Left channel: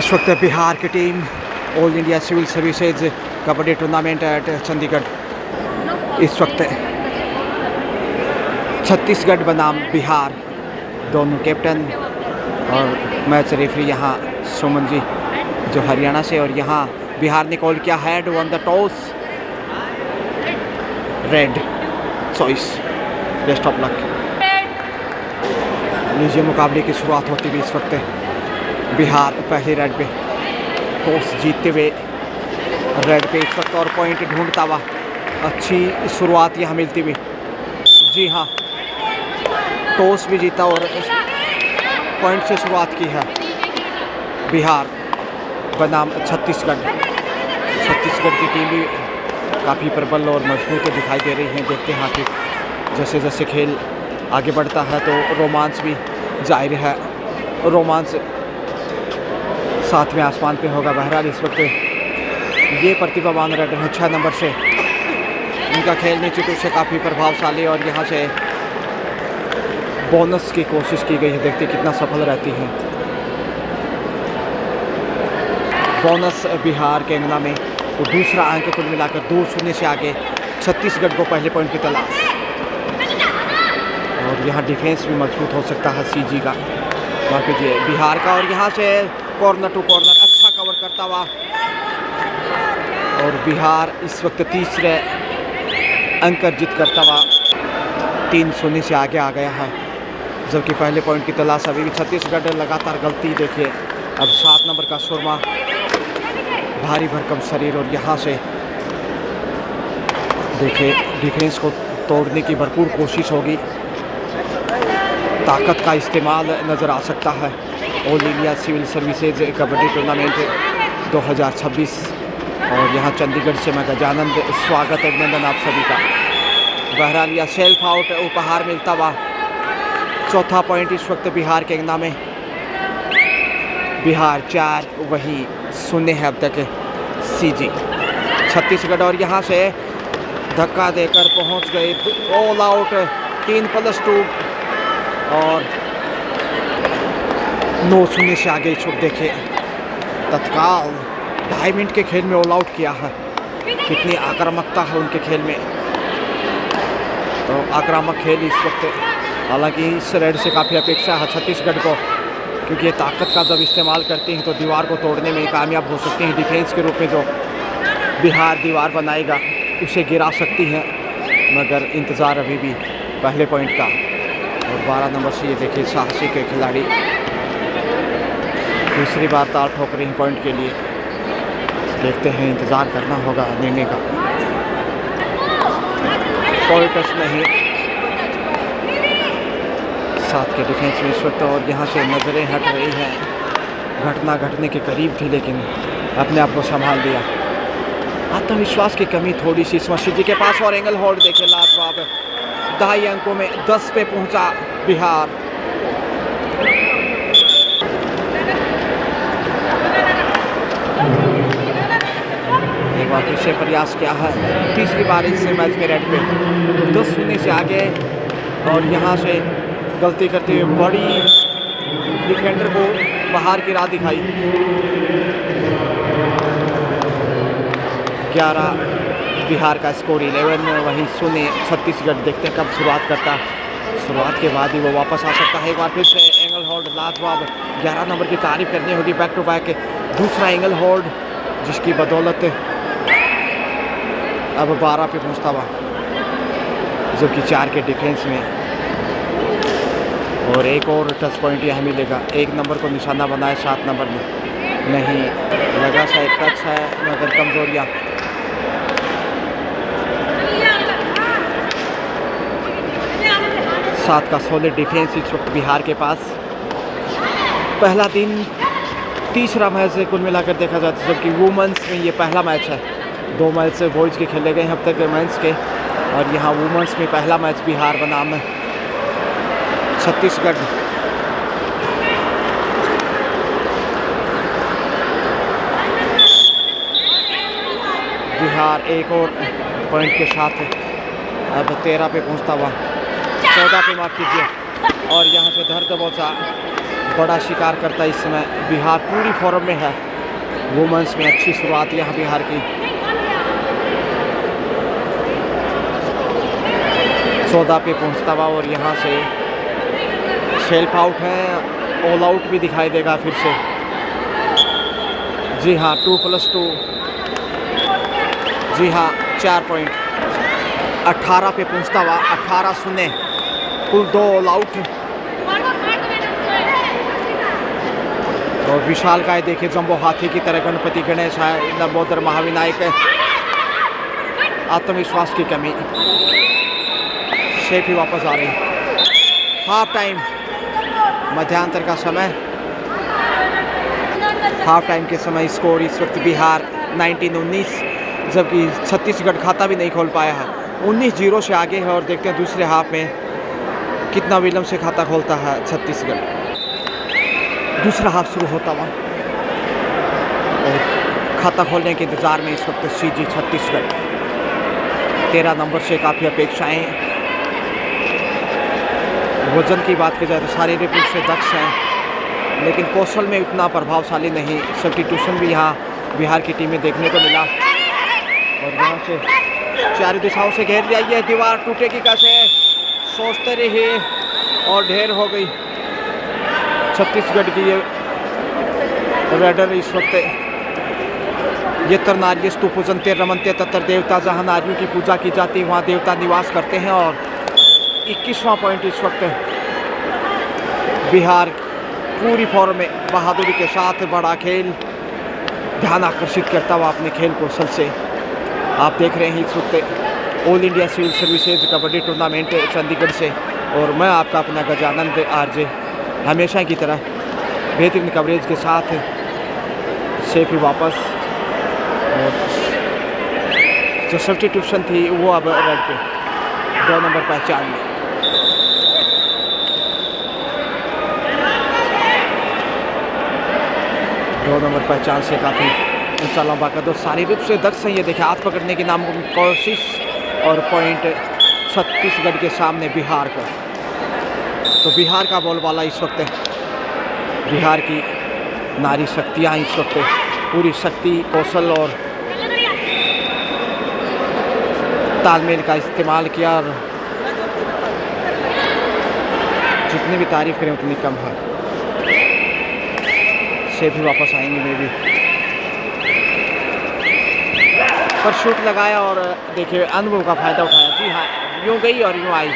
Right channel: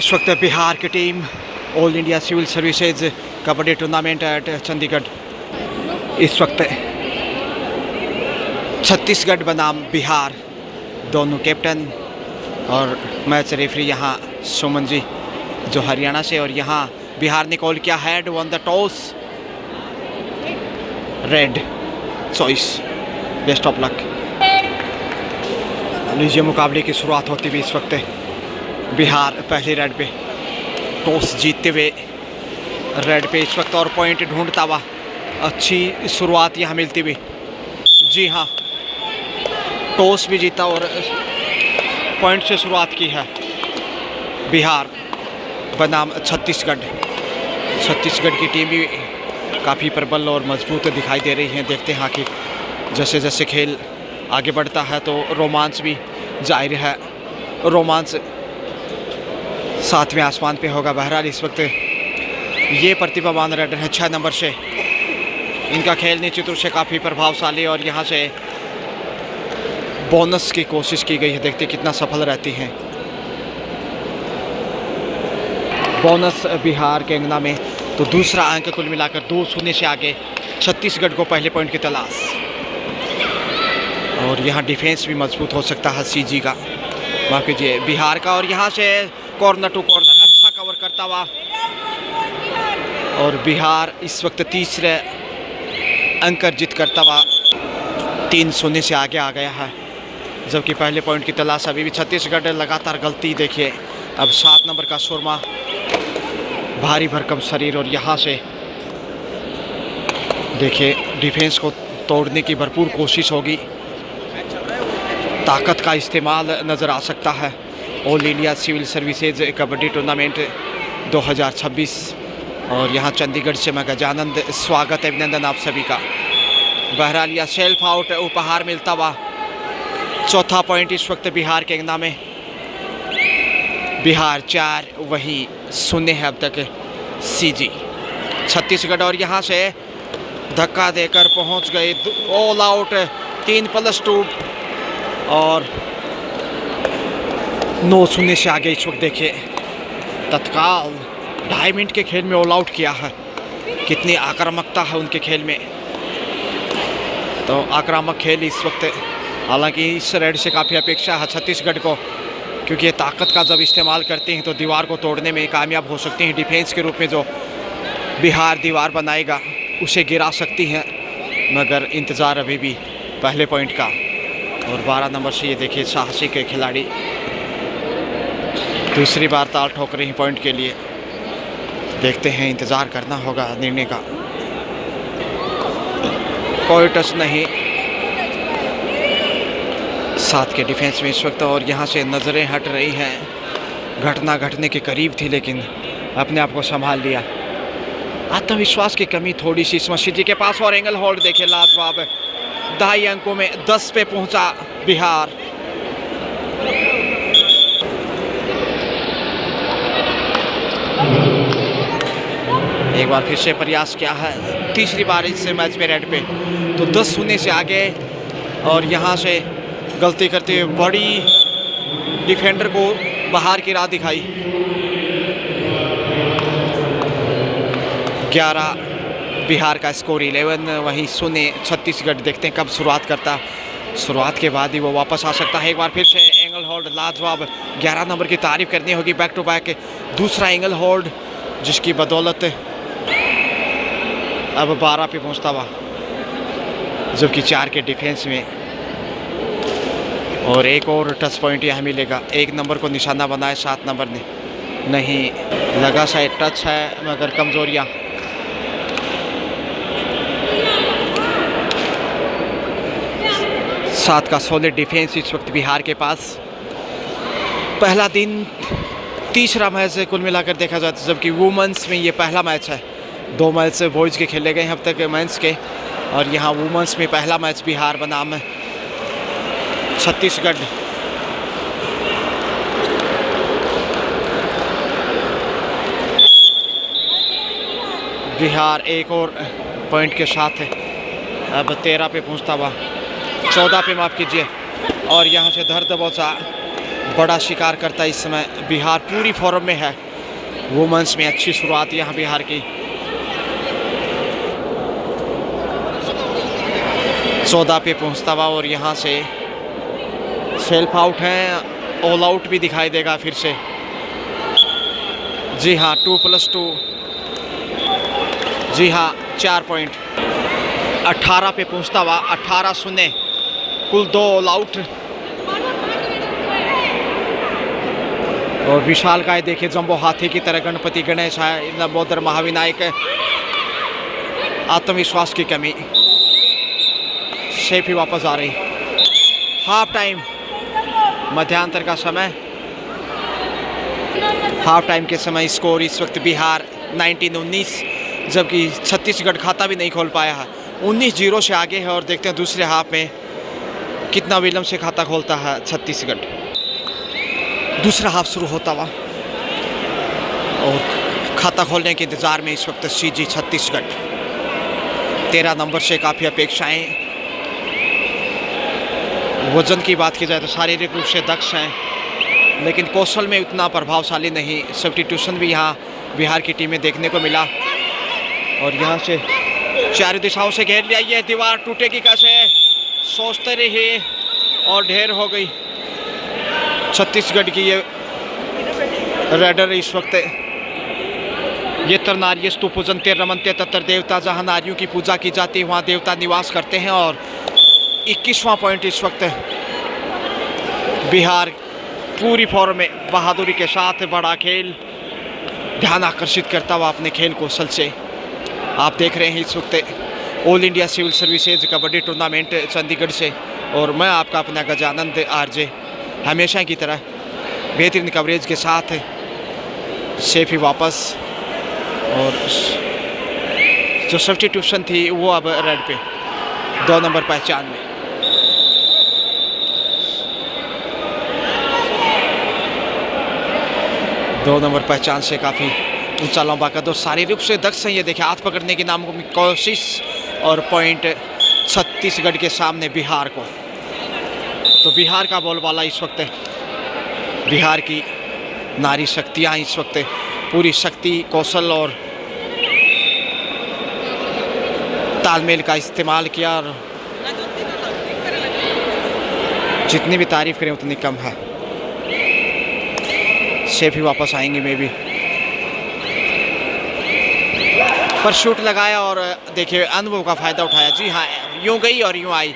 इस वक्त बिहार की team all India civil services kabaddi tournament at Chandigarh, इस वक्त छत्तीसगढ़ बनाम बिहार, दोनों कैप्टन और मैच रेफरी यहाँ सुमन जी जो हरियाणा से, और यहाँ बिहार ने कॉल किया had one the toss, red choice, best of luck. लीजिए मुकाबले की शुरुआत होती हुई इस वक्त बिहार पहले रेड पे टॉस जीतते हुए रेड पे इस वक्त, और पॉइंट ढूंढता हुआ अच्छी शुरुआत यहाँ मिलती हुई। जी हाँ, टॉस भी जीता और पॉइंट से शुरुआत की है बिहार बनाम छत्तीसगढ़। छत्तीसगढ़ की टीम भी काफ़ी प्रबल और मजबूत दिखाई दे रही है। देखते हैं कि जैसे जैसे खेल आगे बढ़ता है तो रोमांच भी जाहिर है, रोमांच सातवें आसमान पे होगा। बहरहाल इस वक्त ये प्रतिभावान रेडर है 6 नंबर से, इनका खेल निश्चित रूप से काफ़ी प्रभावशाली, और यहाँ से बोनस की कोशिश की गई है। देखते कितना सफल रहती हैं। बोनस बिहार के अंगना में, तो दूसरा अंक कुल मिलाकर 2-0 से आगे छत्तीसगढ़ को पहले पॉइंट की तलाश, और यहाँ डिफेंस भी मजबूत हो सकता है सीजी का, माफ कीजिए बिहार का। और यहाँ से कॉर्नर टू कॉर्नर अच्छा कवर करता हुआ, और बिहार इस वक्त तीसरे अंक अर्जित करता हुआ 3-0 से आगे आ गया है, जबकि पहले पॉइंट की तलाश अभी भी छत्तीसगढ़। लगातार गलती देखिए, अब 7 नंबर का सुरमा, भारी भरकम शरीर, और यहाँ से देखिए डिफेंस को तोड़ने की भरपूर कोशिश होगी, ताकत का इस्तेमाल नज़र आ सकता है। All India civil services kabaddi tournament 2026, और यहाँ चंडीगढ़ से मैं गजानंद स्वागत अभिनंदन आप सभी का। बहरहाल यह सेल्फ आउट उपहार मिलता हुआ चौथा पॉइंट इस वक्त बिहार के अंगना में। बिहार 4 वही 0 है अब तक सीजी छत्तीसगढ़, और यहाँ से धक्का देकर पहुँच गए ऑल आउट 3+2, और 9-0 से आगे इस वक्त देखिए तत्काल 2.5 मिनट के खेल में ऑल आउट किया है। कितनी आक्रामकता है उनके खेल में, तो आक्रामक खेल इस वक्त, हालांकि इस रेड से काफ़ी अपेक्षा है छत्तीसगढ़ को, क्योंकि ये ताकत का जब इस्तेमाल करते हैं तो दीवार को तोड़ने में कामयाब हो सकती हैं। डिफेंस के रूप में जो बिहार दीवार बनाएगा उसे गिरा सकती हैं, मगर इंतज़ार अभी भी पहले पॉइंट का। और 12 नंबर से ये देखिए साहसी के खिलाड़ी दूसरी बार ताल ठोक रहे हैं पॉइंट के लिए। देखते हैं, इंतज़ार करना होगा निर्णय का। कोई टच नहीं 7 के डिफेंस में इस वक्त, और यहाँ से नज़रें हट रही हैं। घटना घटने के करीब थी लेकिन अपने आप को संभाल लिया। आत्मविश्वास की कमी थोड़ी सी इस मशीद जी के पास, और एंगल होल्ड देखिए लाजवाब, 2.5 अंकों में 10 पे पहुंचा बिहार। एक बार फिर से प्रयास किया है, तीसरी बार इस मैच में रेड पे, तो 10-0 से आगे, और यहाँ से गलती करते हुए बड़ी डिफेंडर को बाहर की राह दिखाई। 11 बिहार का स्कोर 11, वहीं 0 छत्तीसगढ़। देखते हैं कब शुरुआत करता, शुरुआत के बाद ही वो वापस आ सकता है। एक बार फिर से एंगल होल्ड लाजवाब, 11 नंबर की तारीफ करनी होगी, बैक टू बैक दूसरा एंगल होल्ड, जिसकी बदौलत अब 12 पे पहुंचता हुआ, जबकि 4 के डिफेंस में। और एक और टच पॉइंट यहाँ मिलेगा, 1 नंबर को निशाना बनाए 7 नंबर ने, नहीं लगा शायद टच है, मगर कमजोरियाँ। सात का सॉलिड डिफेंस इस वक्त बिहार के पास। पहला दिन तीसरा मैच कुल मिलाकर देखा जाता है, जबकि वुमेंस में ये पहला मैच है। 2 मैच बॉयज़ के खेले गए हैं अब तक मेंस के, और यहाँ वुमेंस में पहला मैच बिहार बनाम छत्तीसगढ़। बिहार एक और पॉइंट के साथ अब 13 पे पहुंचता हुआ, 14 पे माफ़ कीजिए, और यहाँ से धर दबोचा बड़ा शिकार करता है इस समय। बिहार पूरी फॉर्म में है। वुमेंस में अच्छी शुरुआत यहाँ बिहार की। 14 पे पहुँचता हुआ और यहाँ से सेल्फ आउट है। ऑल आउट भी दिखाई देगा फिर से। जी हाँ, 2+2। जी हाँ, 4 पॉइंट। 18 पे पहुँचता हुआ 18-0, कुल 2 ऑल आउट। और विशाल काय देखिए, जंबो हाथी की तरह गणपति गणेश है, लंबोदर महाविनायक। आत्मविश्वास की कमी। शेफ ही वापस आ रही। हाफ टाइम, मध्यांतर का समय। हाफ टाइम के समय स्कोर इस वक्त बिहार 19-19, जबकि छत्तीसगढ़ खाता भी नहीं खोल पाया है। 19-0 से आगे है। और देखते हैं दूसरे हाफ में कितना विलंब से खाता खोलता है छत्तीसगढ़। दूसरा हाफ शुरू होता हुआ और खाता खोलने के इंतज़ार में इस वक्त सीजी छत्तीसगढ़। 13 नंबर से काफ़ी अपेक्षाएं। वजन की बात की जाए तो शारीरिक रूप से दक्ष हैं, लेकिन कौशल में उतना प्रभावशाली नहीं। सब्स्टिट्यूशन भी यहाँ बिहार की टीम में देखने को मिला। और यहाँ से चारों दिशाओं से घेर लिया। ये दीवार टूटेगी कैसे, सोचते रहे और ढेर हो गई छत्तीसगढ़ की ये रेडर। इस वक्त ये तरनार्य स्तूपूजनते रमनते तत्र देवता, जहाँ नारियों की पूजा की जाती है वहाँ देवता निवास करते हैं। और 21वां पॉइंट इस वक्त बिहार पूरी फॉर्म में बहादुरी के साथ बड़ा खेल, ध्यान आकर्षित करता हुआ अपने खेल कौशल से। आप देख रहे हैं इस वक्त all India civil services kabaddi tournament Chandigarh से। और मैं आपका अपना गजानंद आरजे, हमेशा की तरह बेहतरीन कवरेज के साथ सेफ ही वापस। और जो सब्स्टिट्यूशन थी वो अब रेड पे 2 नंबर पहचान में। दो नंबर पहचान से काफ़ी ऊंचा लंबा कद और शारीरिक रूप से दक्ष है। ये देखिए, हाथ पकड़ने की नाम की कोशिश। और पॉइंट छत्तीसगढ़ के सामने बिहार को। तो बिहार का बोलबाला इस वक्त, बिहार की नारी शक्तियाँ इस वक्त पूरी शक्ति, कौशल और तालमेल का इस्तेमाल किया। और जितनी भी तारीफ करें उतनी कम है। से भी वापस आएंगे मे भी। पर शूट लगाया और देखिए अनुभव का फ़ायदा उठाया। जी हाँ, यूँ गई और यूँ आई।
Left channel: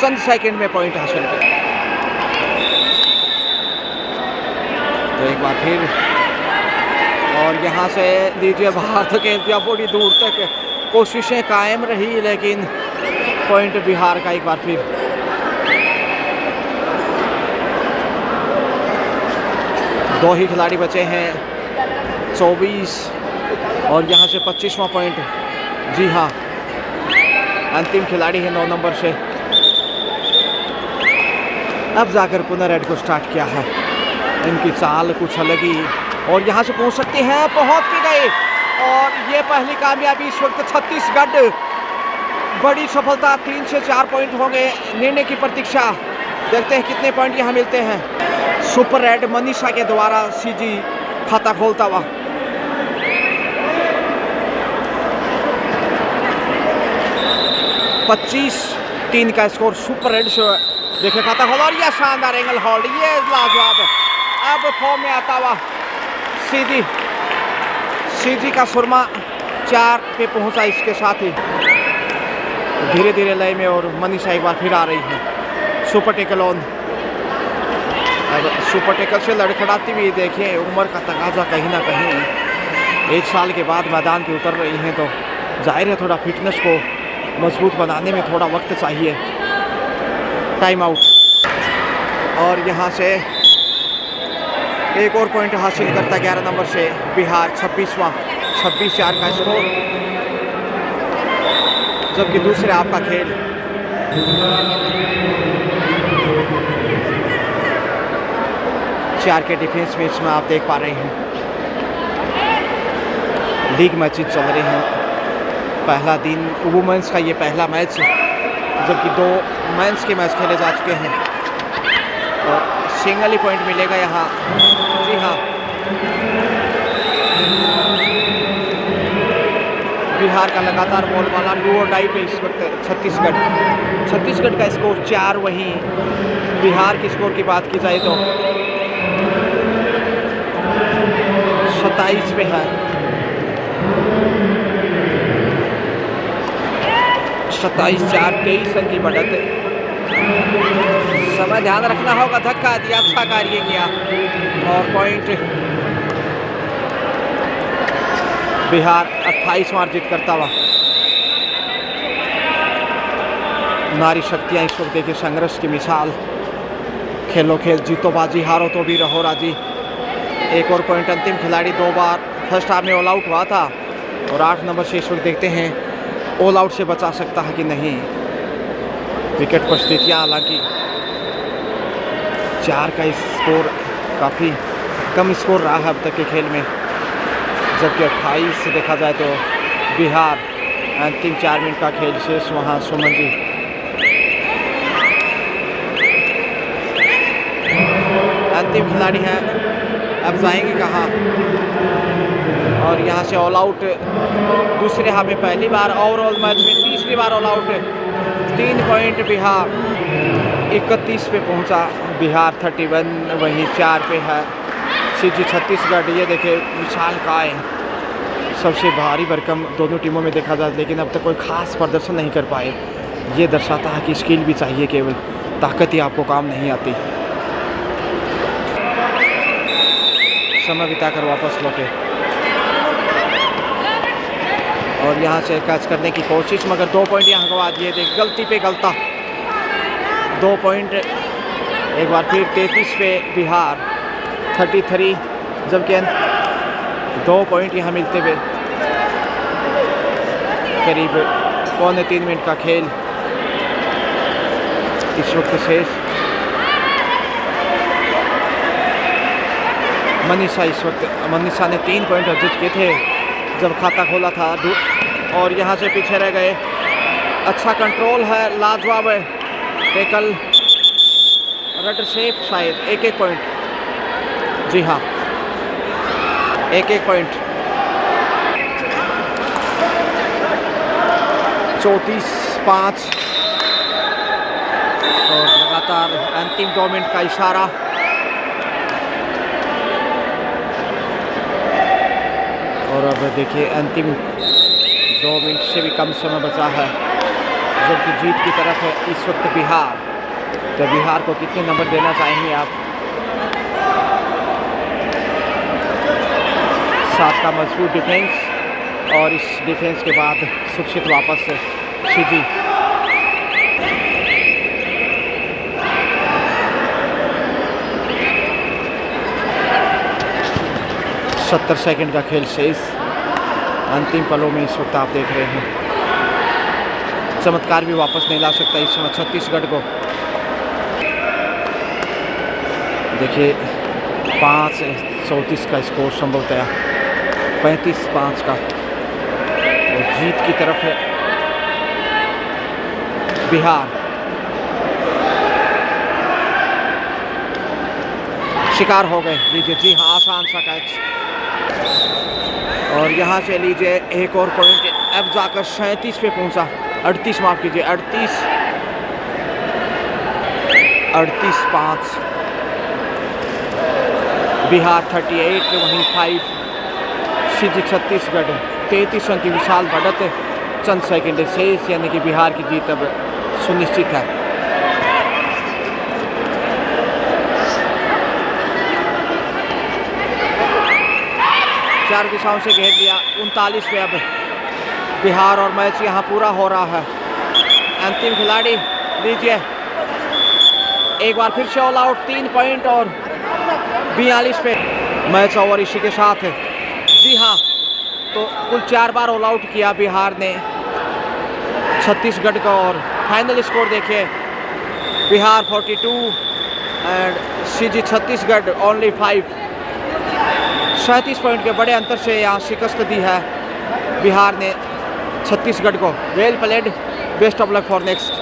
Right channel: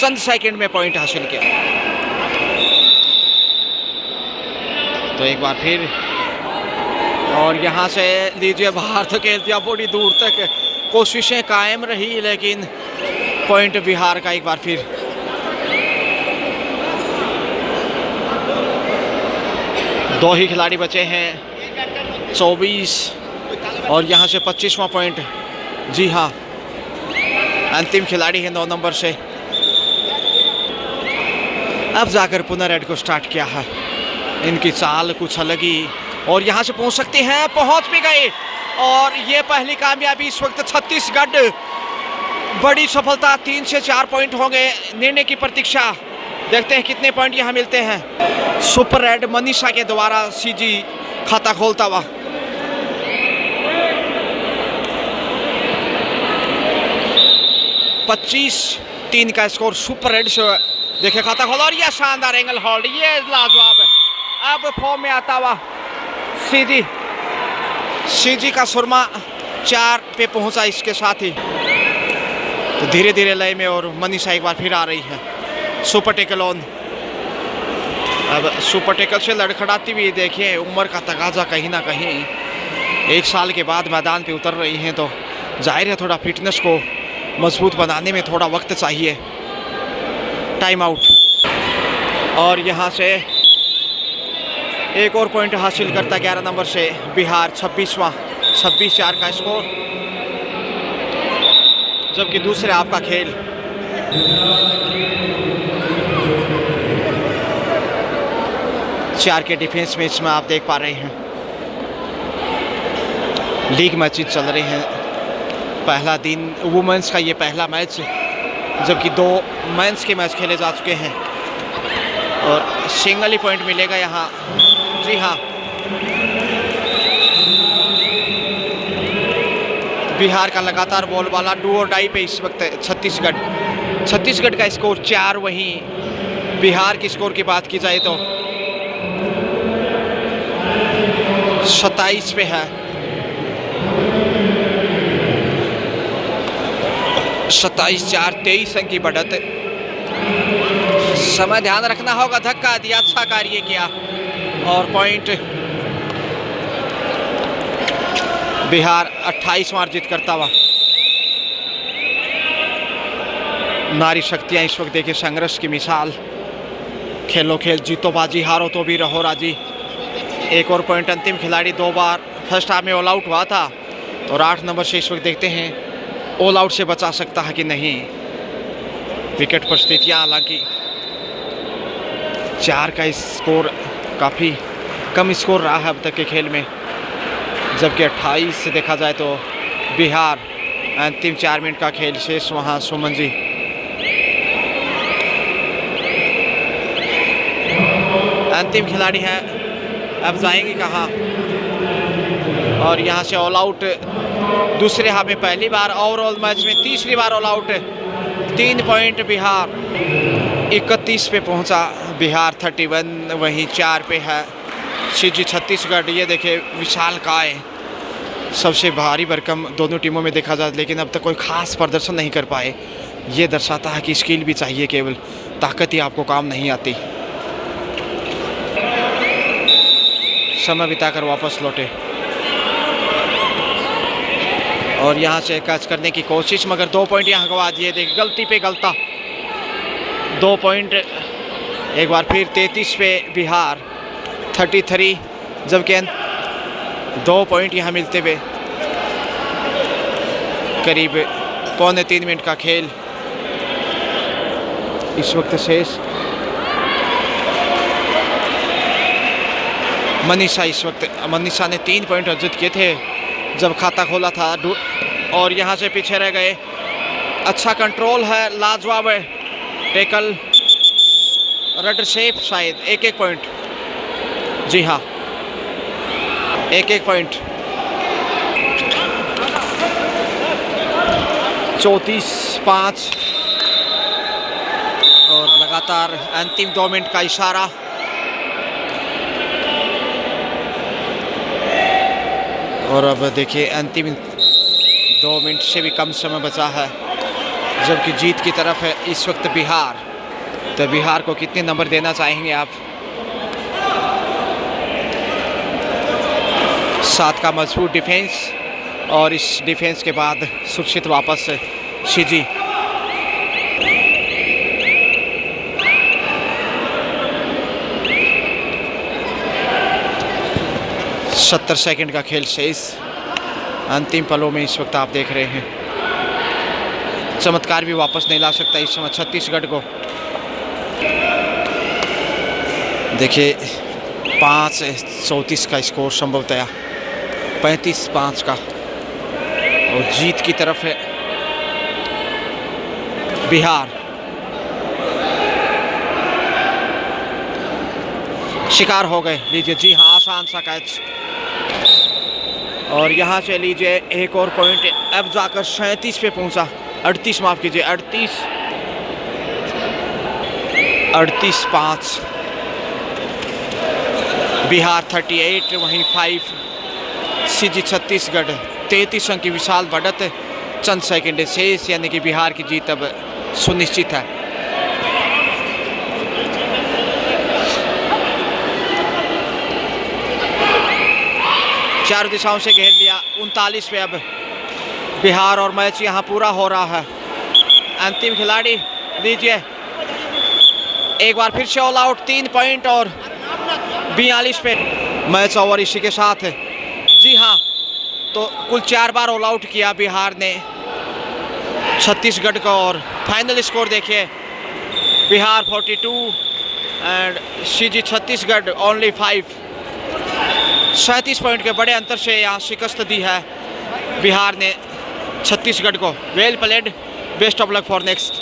चंद सेकंड में पॉइंट हासिल किया। तो एक बार फिर और यहाँ से लीजिए बाहर तो खेल दिया, बड़ी दूर तक कोशिशें कायम रही, लेकिन पॉइंट बिहार का एक बार फिर। दो ही खिलाड़ी बचे हैं, 24 और यहाँ से 25वां पॉइंट। जी हाँ, अंतिम खिलाड़ी है 9 नंबर से। अब जाकर पुनः रेड को स्टार्ट किया है। इनकी चाल कुछ अलग ही। और यहाँ से पहुँच सकते हैं, पहुँच भी गए। और ये पहली कामयाबी इस वक्त छत्तीसगढ़। बड़ी सफलता, 3 से 4 पॉइंट होंगे। निर्णय की प्रतीक्षा, देखते हैं कितने पॉइंट यहाँ मिलते हैं। सुपर रेड मनीषा के द्वारा सीजी खाता खोलता हुआ। पच्चीस 3 का स्कोर सुपर रेड से। देखिए खाता खोला और यह शानदार एंगल होल्ड, ये लाजवाब। अब फॉर्म में आता हुआ सीजी का सुरमा 4 पे पहुंचा इसके साथ ही। तो धीरे धीरे लय में और मनीषा एक बार फिर आ रही है। Super tackle on. अब सुपर टेकल से लड़खड़ाती हुई देखिए, उम्र का तकाजा कहीं ना कहीं 1 साल के बाद मैदान पे उतर रही हैं, तो जाहिर है थोड़ा फिटनेस को मजबूत बनाने में थोड़ा वक्त चाहिए। Time out. और यहाँ से एक और पॉइंट हासिल करता 11 नंबर से बिहार। 26-4 का स्कोर। जबकि दूसरे आपका खेल चार के डिफेंस मैच में आप देख पा रहे हैं। लीग मैचेस चल रहे हैं। पहला दिन वुमेंस का ये पहला मैच, जबकि 2 मेंस के मैच खेले जा चुके हैं। और सिंगल ही पॉइंट मिलेगा यहाँ। जी हाँ, बिहार का लगातार बोलबाला डू और डाई पे इस वक्त छत्तीसगढ़ का स्कोर 4। वहीं बिहार की स्कोर की बात की जाए तो 27 पे है। 27-4 23 अंक की बढ़त। समय ध्यान रखना होगा, धक्का दिया, अच्छा कार्य किया और पॉइंट बिहार 28वां अर्जित करता हुआ। नारी शक्तियां इस वक्त देखिए संघर्ष की मिसाल। खेलो खेल, जीतो बाजी, हारो तो भी रहो राजी। एक और पॉइंट। अंतिम खिलाड़ी 2 बार फर्स्ट हाफ में ऑल आउट हुआ था और 8 नंबर से इस वक्त देखते हैं ऑल आउट से बचा सकता है कि नहीं। विकेट पर स्थितियाँ, हालांकि 4 का स्कोर काफ़ी कम स्कोर रहा है अब तक के खेल में, जबकि 28 से देखा जाए तो बिहार। अंतिम 4 मिनट का खेल शेष। वहाँ सुमन जी अंतिम खिलाड़ी हैं, अब जाएंगे कहाँ। और यहाँ से ऑल आउट दूसरे हाफ में पहली बार, ओवरऑल मैच में तीसरी बार ऑल आउट। 3 पॉइंट बिहार 31 पे पहुँचा, बिहार 31 वहीं 4 पे है सीजी छत्तीसगढ़। ये देखे विशालकाय, सबसे भारी भरकम दोनों टीमों में देखा जाए, लेकिन अब तक कोई खास प्रदर्शन नहीं कर पाए। ये दर्शाता है कि स्किल भी चाहिए, केवल ताकत ही आपको काम नहीं आती। समय बिताकर वापस लौटे और यहाँ से कैच करने की कोशिश, मगर 2 पॉइंट यहाँ गवा दिए। देख गलती पे गलता, 2 पॉइंट एक बार फिर 33 पे बिहार 33, जबकि 2 पॉइंट यहाँ मिलते हुए करीब 2.25 मिनट का खेल इस वक्त शेष। मनीषा इस वक्त, मनीषा ने 3 पॉइंट अर्जित किए थे जब खाता खोला था और यहाँ से पीछे रह गए। अच्छा कंट्रोल है, लाजवाब है टेकल, रडर शेप शायद। 1-1 पॉइंट। जी हाँ, 1-1 पॉइंट। 34-5 और लगातार अंतिम 2 मिनट का इशारा। और अब देखिए अंतिम 2 मिनट से भी कम समय बचा है, जबकि जीत की तरफ है इस वक्त बिहार। तो बिहार को कितने नंबर देना चाहेंगे आप? 7 का मजबूत डिफेंस और इस डिफेंस के बाद सुरक्षित वापस सीजी। सत्तर सेकंड का खेल शेष। अंतिम पलों में इस वक्त आप देख रहे हैं चमत्कार भी वापस नहीं ला सकता इस समय छत्तीसगढ़ को। देखिए 5-34 का स्कोर संभवतः 35-5 का, और जीत की तरफ है बिहार। शिकार हो गए, लीजिए। जी हाँ, आसान सा कैच। और यहाँ से लीजिए एक और पॉइंट, अब जाकर 37 पे पहुँचा। 38 माफ कीजिए, 38-5 बिहार 38 वहीं 5 सीजी छत्तीसगढ़। 33 अंक की विशाल बढ़त, चंद सेकंड शेष, यानी कि बिहार की जीत अब सुनिश्चित है। चार दिशाओं से घेर लिया। 39 पे अब बिहार और मैच यहाँ पूरा हो रहा है। अंतिम खिलाड़ी लीजिए, एक बार फिर से ऑल आउट। 3 पॉइंट और 42 पे मैच ओवर इसी के साथ है। जी हाँ, तो कुल 4 बार ऑल आउट किया बिहार ने छत्तीसगढ़ का, और फाइनल स्कोर देखिए, Bihar 42 and CG Chhattisgarh only 5। 37 point के बड़े अंतर से यहाँ शिकस्त दी है बिहार ने छत्तीसगढ़ को। Well played, best of luck for next.